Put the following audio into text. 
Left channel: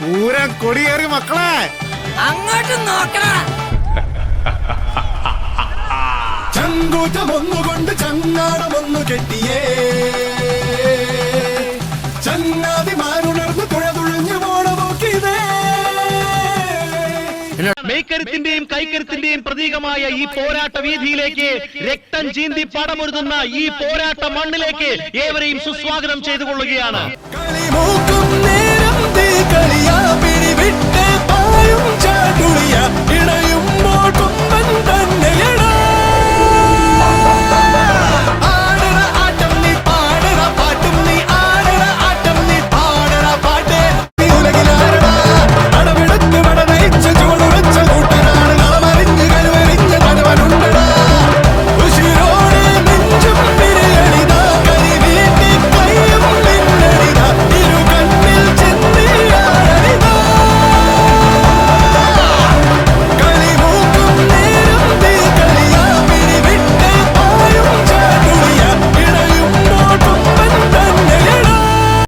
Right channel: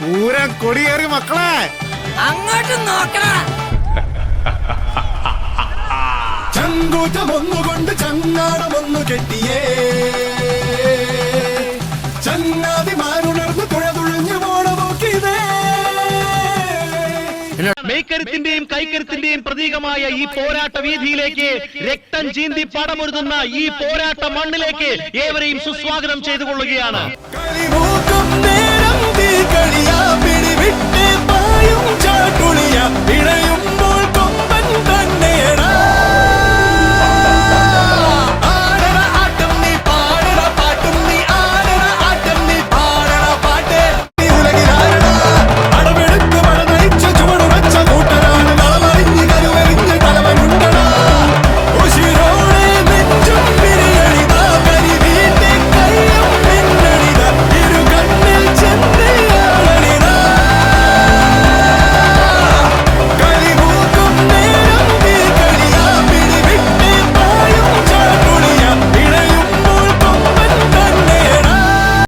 പൂരം കൊടിയേറി മക്കളെ, അങ്ങോട്ട് നോക്കണ. ചങ്കൂറ്റമൊന്നുകൊണ്ട് ചങ്ങാടമൊന്നു കെട്ടിയേ, ചങ്ങാതിമാരുണർന്ന് തുഴതുഴഞ്ഞു പോണമോക്കിതേ. മെയ്ക്കരുത്തിന്റെയും കൈക്കരുത്തിന്റെയും പ്രതീകമായ ഈ പോരാട്ട വീതിയിലേക്ക്, രക്തം ചീന്തി പടമൊരുതുന്ന ഈ പോരാട്ട മണ്ണിലേക്ക് ഏവരെയും സുസ്വാഗതം ചെയ്തുകൊള്ളുകയാണ്. കളിമൂക്കും